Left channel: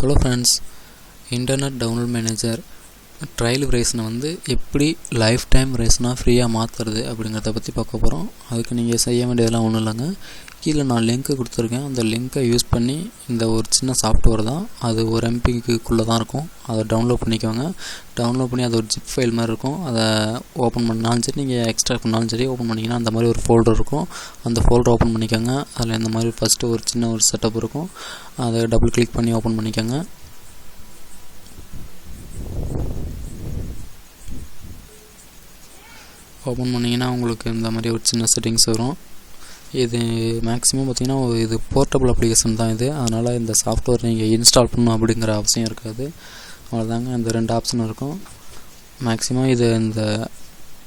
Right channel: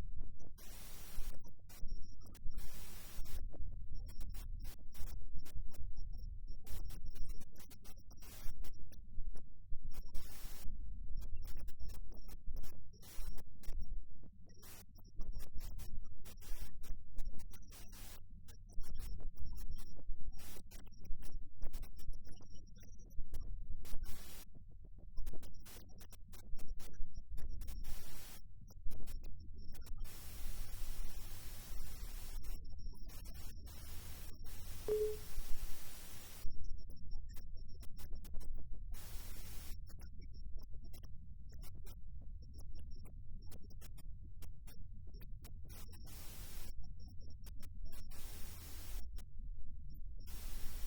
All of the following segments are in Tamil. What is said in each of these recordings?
Hello friends, internet download manager trial வெர்ஷனை எப்படி லைஃப் டைம் வெர்ஷனாக ஃப்ரீயாக மாற்றுறது அப்படிங்கிறத பற்றி பார்க்க போகிறோம். அதுக்கு நீங்கள் செய்ய வேண்டியதெல்லாம் ஒன்றும் இல்லைங்க. கீழே நான் லிங்க்கு கொடுத்துருக்கேன். அந்த லிங்க்கை யூஸ் பண்ணி இந்த ஒரு சின்ன சாஃப்ட்வேர் தான், அது ஒரு எம்பிக்குள்ளே தான் இருக்கும். அதை டவுன்லோட் பண்ணிக்கோங்க. டவுன்லோட் பண்ணி அது ஒரு ஜிப் ஃபைல் மாதிரி இருக்கும். அதை ஓப்பன் பண்ணாலும் சரி, நீங்கள் எக்ஸ்ட்ராக்ட் பண்ணாலும் சரி, ஓப்பன் பண்ணிங்கன்னா அந்த மாதிரி ஒரு ஃபோல்டர் இருக்கும். அந்த ஃபோல்டர் ஓப்பன் பண்ணிக்கோங்க. அதில் இந்த மாதிரி ஃபஸ்ட்டு ஒரு சின்ன ஒரு செட்டப் இருக்கும். அதை டபுள் கிளிக் பண்ணி ஓப்பன் பண்ணிக்கோங்க. ஓப்பன் பண்ணிங்கன்னா உங்களுக்கு இந்த மாதிரி ஒரு சின்ன செட்டிங்ஸ் வரும். இது மேக்ஸிமம் பார்த்திங்கன்னா இது போர்ட்டபிள் அப்ளிகேஷன் தான் இது. அதனால் இந்த சாஃப்ட்வேர் நீங்கள் இன்ஸ்டால் பண்ணணும் அப்படிங்கிற அவசியம் இருக்காது. அவ்வளோதாங்க, இந்த ரெண்டு ஆப்ஷன் இருக்கும். மேக்ஸிமம் இது இந்த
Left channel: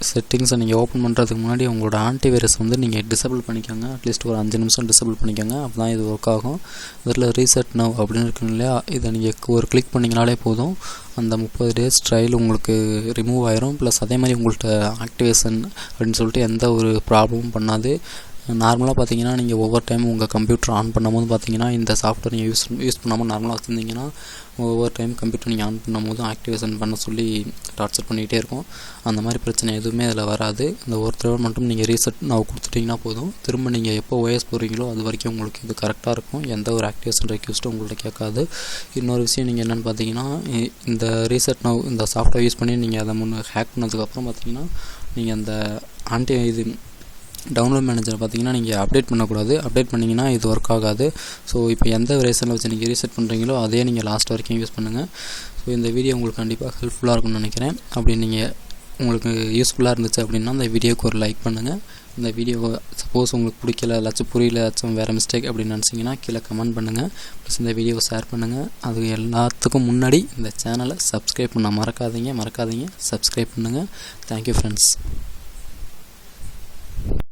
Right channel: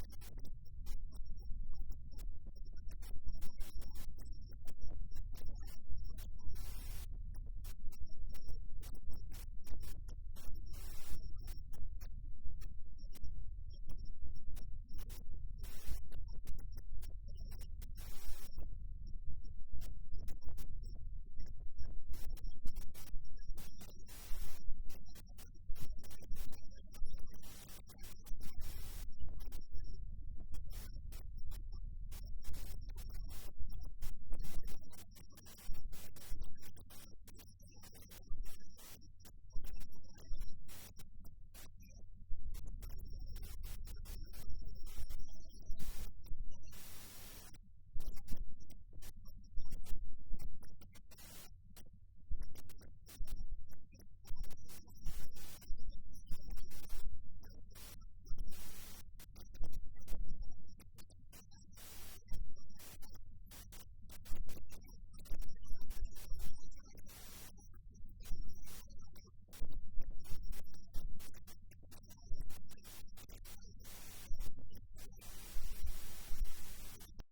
செட்டிங்ஸை நீங்கள் ஓப்பன் பண்ணுறதுக்கு முன்னாடி உங்களோட ஆன்டிவைரஸ் நீங்கள் டிசபிள் பண்ணிக்கோங்க. அட்லீஸ்ட் ஒரு 5 நிமிஷம் டிசபிள் பண்ணிக்கோங்க. அப்போ தான் இது ஒர்க் ஆகும். இதில் ரீசெட் நவ் அப்படின்னு இருக்குன்னு இல்லையா, இதை நீங்கள் ஒரு கிளிக் பண்ணிங்கனாலே போதும். அந்த 30 டேஸ் ட்ரையல் உங்களுக்கு ரிமூவ் ஆயிரும். ப்ளஸ் அதே மாதிரி உங்கள்கிட்ட ஆக்டிவேஷன் அப்படின்னு சொல்லிட்டு எந்த ஒரு ப்ராப்ளமும் பண்ணாது. நார்மலாக பார்த்தீங்கன்னா நீங்கள் ஒவ்வொரு டைமும் உங்கள் கம்ப்யூட்டர் ஆன் பண்ணும்போது பார்த்தீங்கன்னா இந்த சாஃப்ட்வேர் நீங்கள் யூஸ் பண்ணாமல் நார்மலாக வச்சுருந்தீங்கன்னா ஒவ்வொரு டைம் கம்ப்யூட்டர் நீங்கள் ஆன் பண்ணும்போது ஆக்டிவேஷன் பண்ண சொல்லி டார்ச்சர் பண்ணிகிட்டே இருக்கும். அந்த மாதிரி பிரச்சனை எதுவுமே அதில் வராது. இந்த ஒரு தடவை மட்டும் நீங்கள் ரீசெட் நான் கொடுத்துட்டிங்கன்னா போதும். திரும்ப நீங்கள் எப்போ ஓஎஸ் போகிறீங்களோ அது வரைக்கும் உங்களுக்கு இது கரெக்டாக இருக்கும். எந்த ஒரு ஆக்டிவேஷன் ரெக்வெஸ்ட்டும் உங்கள்கிட்ட கேட்காது. இன்னொரு விஷயம் நீங்கள் என்னென்னு பார்த்தீங்கன்னா, இந்த ரீசெட் நவ் இந்த சாஃப்ட்வேர் யூஸ் பண்ணி நீங்கள் அதை ஹேக் பண்ணதுக்கப்புறம் பார்த்தீங்கன்னா நீங்கள் அந்த இது டவுன்லோட் மேனேஜர் பார்த்தீங்கன்னா நீங்கள் அப்டேட் பண்ணக்கூடாது. அப்டேட் பண்ணிங்கன்னா இது ஒர்க் ஆகாது. ஸோ இப்போ எந்த வெர்ஷனில் வச்சு நீங்கள் ரீசெட் பண்ணுறீங்களோ அதே நீங்கள் லாஸ்ட் வரைக்கும் யூஸ் பண்ணுங்கள். ஸோ இந்த வீடியோ உங்களுக்கு கண்டிப்பாக ஹெல்ப்ஃபுல்லாக இருக்கும்னு நினைக்கிறேன். அப்படி நீங்கள் உங்களுக்கு யூஸ்ஃபுல்லாக இருந்துச்சு அப்படின்னா அந்த வீடியோக்கு ஒரு லைக் பண்ணுங்கள். இந்த வீடியோ சப்போஸ் உங்களுக்கு பிடிக்கல, ஏதாச்சும் புரியல, ஏதாச்சும் வேறு மிஸ்டேக் அப்படின்னு நினச்சிங்கன்னா கீழே கமெண்ட் பண்ணுங்கள். ப்ளஸ் இந்த வீடியோவை ஷேர் பண்ணுங்கள். அது எல்லாத்துக்கும் முன்னாடி இந்த சேனலை சப்ஸ்கிரைப் பண்ண மறக்காதீங்க. சப்ஸ்கிரைப் பண்ணுங்கள். Thank you friends.